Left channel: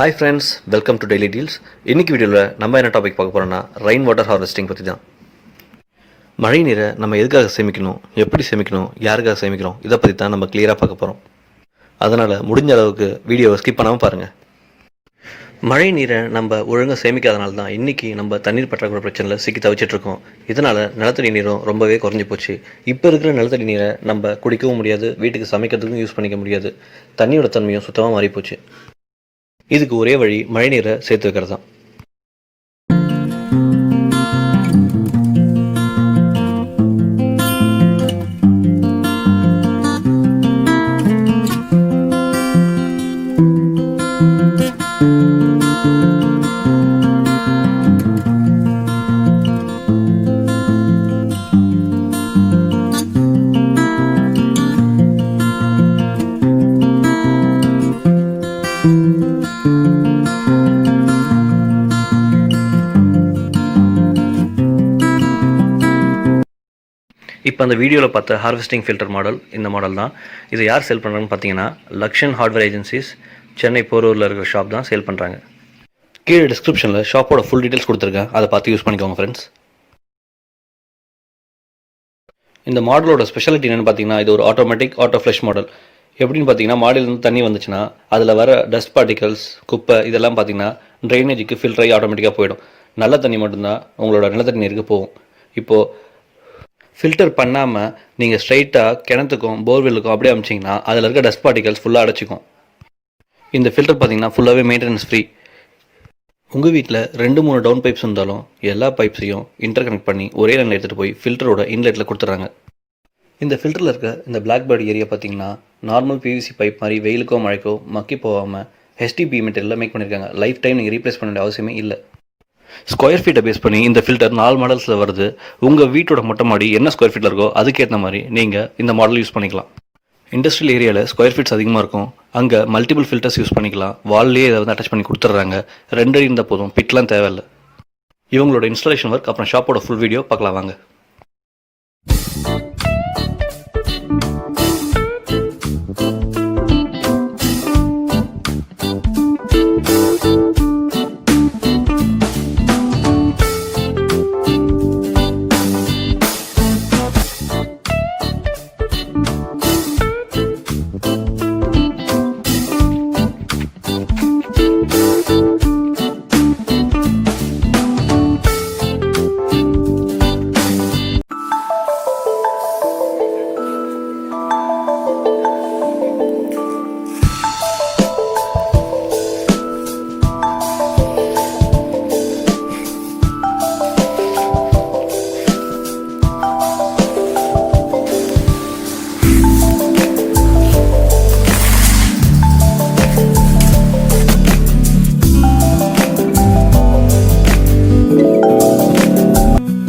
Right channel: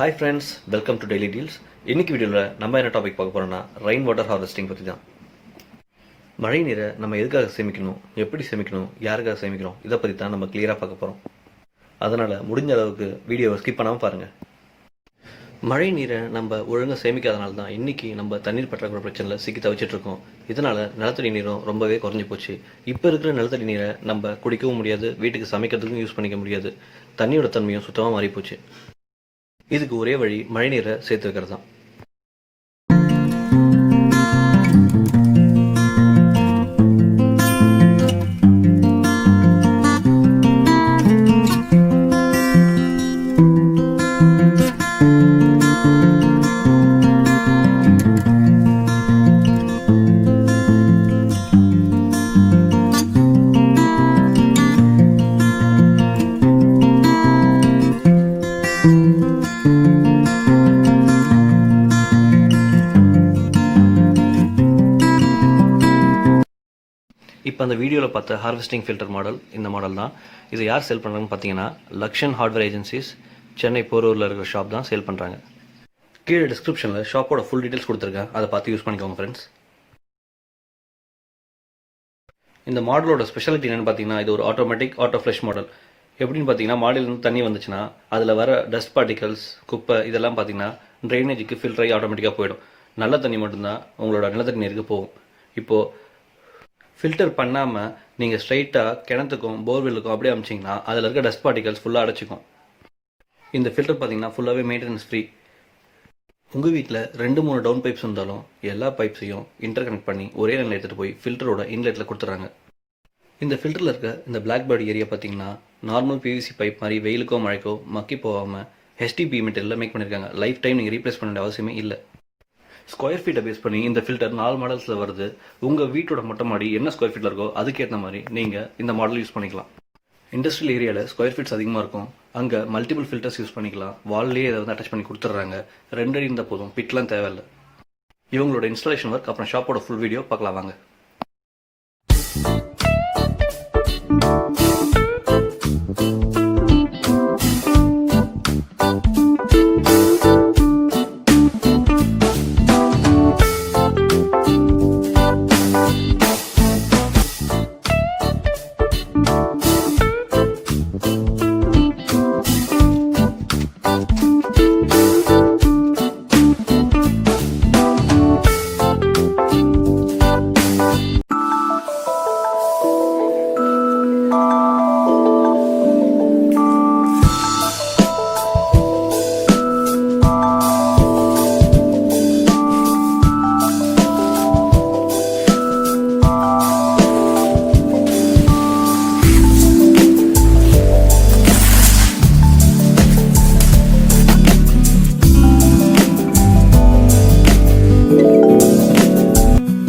Hi friends, welcome to Daily Deals. இன்னைக்கு வீடியோவில் நம்ம என்ன டாபிக் பார்க்க போகிறோம்னா ரெயின் வாட்டர் ஹார்வெஸ்டிங் பற்றி தான். மழை நீரை நம்ம எதுக்காக சேமிக்கணும், எப்படி சேமிக்கணும், யாருக்காக சேமிக்கணும், இதை பற்றி தான் நம்ம கிளியராக பார்க்க போகிறோம். அதனால் முடிஞ்ச அளவுக்கு வீடியோவை ஸ்கிப் பண்ணாமல் பாருங்கள். மழை நீரை நம்ம ஒழுங்காக சேமிக்காதனால தான் இன்றைக்கி நம்ம தண்ணீர் பற்றாக்குறை பிரச்சனையில் சிக்கி தவிச்சிட்ருக்கோம். இதனால் நிலத்தடி நீரும் ரொம்பவே குறைஞ்சி போச்சு. இப்போ இருக்கிற நிலத்தடி நீரை நம்ம குடிக்கவும் முடியாது, வீட்டுக்கு சமைக்கிறதுக்கும் யூஸ் பண்ணிக்க முடியாது. தண்ணியோட தன்மையும் சுத்தமாக மாறிப்போச்சு. இதுக்கு ஒரே வழி மழைநீரை சேர்த்து வைக்கிறது தான். இப்போ அந்த வீடியோவில் பார்த்த ஹார்வெஸ்டிங் ஃபில்டர் மாடல் இந்த மாடல் தான். இதை யார் சேல் பண்ணுறாங்கன்னு பார்த்தீங்கன்னா லக்ஷன் ஹார்ட்வேர் ஏஜென்சிஸ், சென்னை போரூரில் இருக்கிற ஷாப் தான் சேல் பண்ணுறாங்க. கீழே டிஸ்கிரிப்ஷனில் ஷாப்போட ஃபுல் டீட்டெயில்ஸ் கொடுத்துருக்கேன், அதை பார்த்து யூஸ் பண்ணிக்கோங்க ஃப்ரெண்ட்ஸ். இந்த மாடலோட ஸ்பெஷாலிட்டி என்னென்னு பார்த்தீங்கன்னா, இது ஒரு ஆட்டோ ஃப்ளஷ் மாடல். எப்படின்னு பார்த்தீங்கன்னா, மாடலேருந்து தண்ணி வந்துச்சுன்னா அதில் வர டஸ்ட் பார்ட்டிகல்ஸ், குப்பை இதெல்லாம் பார்த்தீங்கன்னா ட்ரைனேஜுக்கு ஃபில்டர் ஆகி ஆட்டோமேட்டிக்காக போயிடும். நல்ல தண்ணி மட்டும்தான் உங்களோட நிலத்தடி நீருக்கு போகும். இப்போது ஃபில்டர் பண்ணாமல் நீங்கள் ஸ்ட்ரைட்டாக கிணத்துக்கும் போர்வெல்லுக்கும் அப்படியே அமிச்சிங்கன்னா அதில் இருக்க டஸ்ட் பார்ட்டிகல்ஸ் ஃபுல்லாக அடைச்சிக்கும். இந்த ஃபில்டர் பார்த்தீங்கன்னா ஃபுல்லாகவே மெயின்டெனன்ஸ் ஃப்ரீ. உங்கள் வீட்டில் 2-3 டவுன் பைப்ஸ் இருந்தாலும் எல்லா பைப்ஸையும் இன்டர் கனெக்ட் பண்ணி ஒரே லைனில் எடுத்துகிட்டு போய் ஃபில்டரோட இன்லெட்டில் கொடுத்துட்றாங்க. இந்த ஃபில்டரில் இருக்க இந்த பிளாக் பேர்ட் ஏரியா பார்த்தீங்கன்னா நார்மல் பிவிசி பைப் மாதிரி வெயிலுக்கோ மழைக்கோ மக்கி போகாமல் HDPE மெட்டீரியலில் மேக் பண்ணியிருக்காங்க. லைஃப் டைம் நீங்கள் ரீப்ளேஸ் பண்ண வேண்டிய அவசியமே இல்லை. ஸ்கொயர் ஃபீட்டை பேஸ் பண்ணி இந்த ஃபில்டர் 4 மாடல்ஸில் வருது. உங்கள் வீட்டோட மொட்டை மாடி என்ன ஸ்கொயர் ஃபீட்டில் இருக்கோ அதுக்கேற்ற மாதிரி நீங்கள் இந்த மாடல் யூஸ் பண்ணிக்கலாம். இண்டஸ்ட்ரியல் ஏரியாவில் ஸ்கொயர் ஃபீட்ஸ் அதிகமாக இருக்கும், அங்கே மல்டிபிள் ஃபில்டர்ஸ் யூஸ் பண்ணிக்கலாம். வால்லேயே இதை அட்டாச் பண்ணி கொடுத்துட்றாங்க. 2 அடி இருந்தால் போதும், பிட்லாம் தேவையில்லை. இவங்களோட இன்ஸ்டாலேஷன் ஒர்க் அப்புறம் ஷாப்போட ஃபுல் வீடியோ பார்க்கலாம் வாங்க.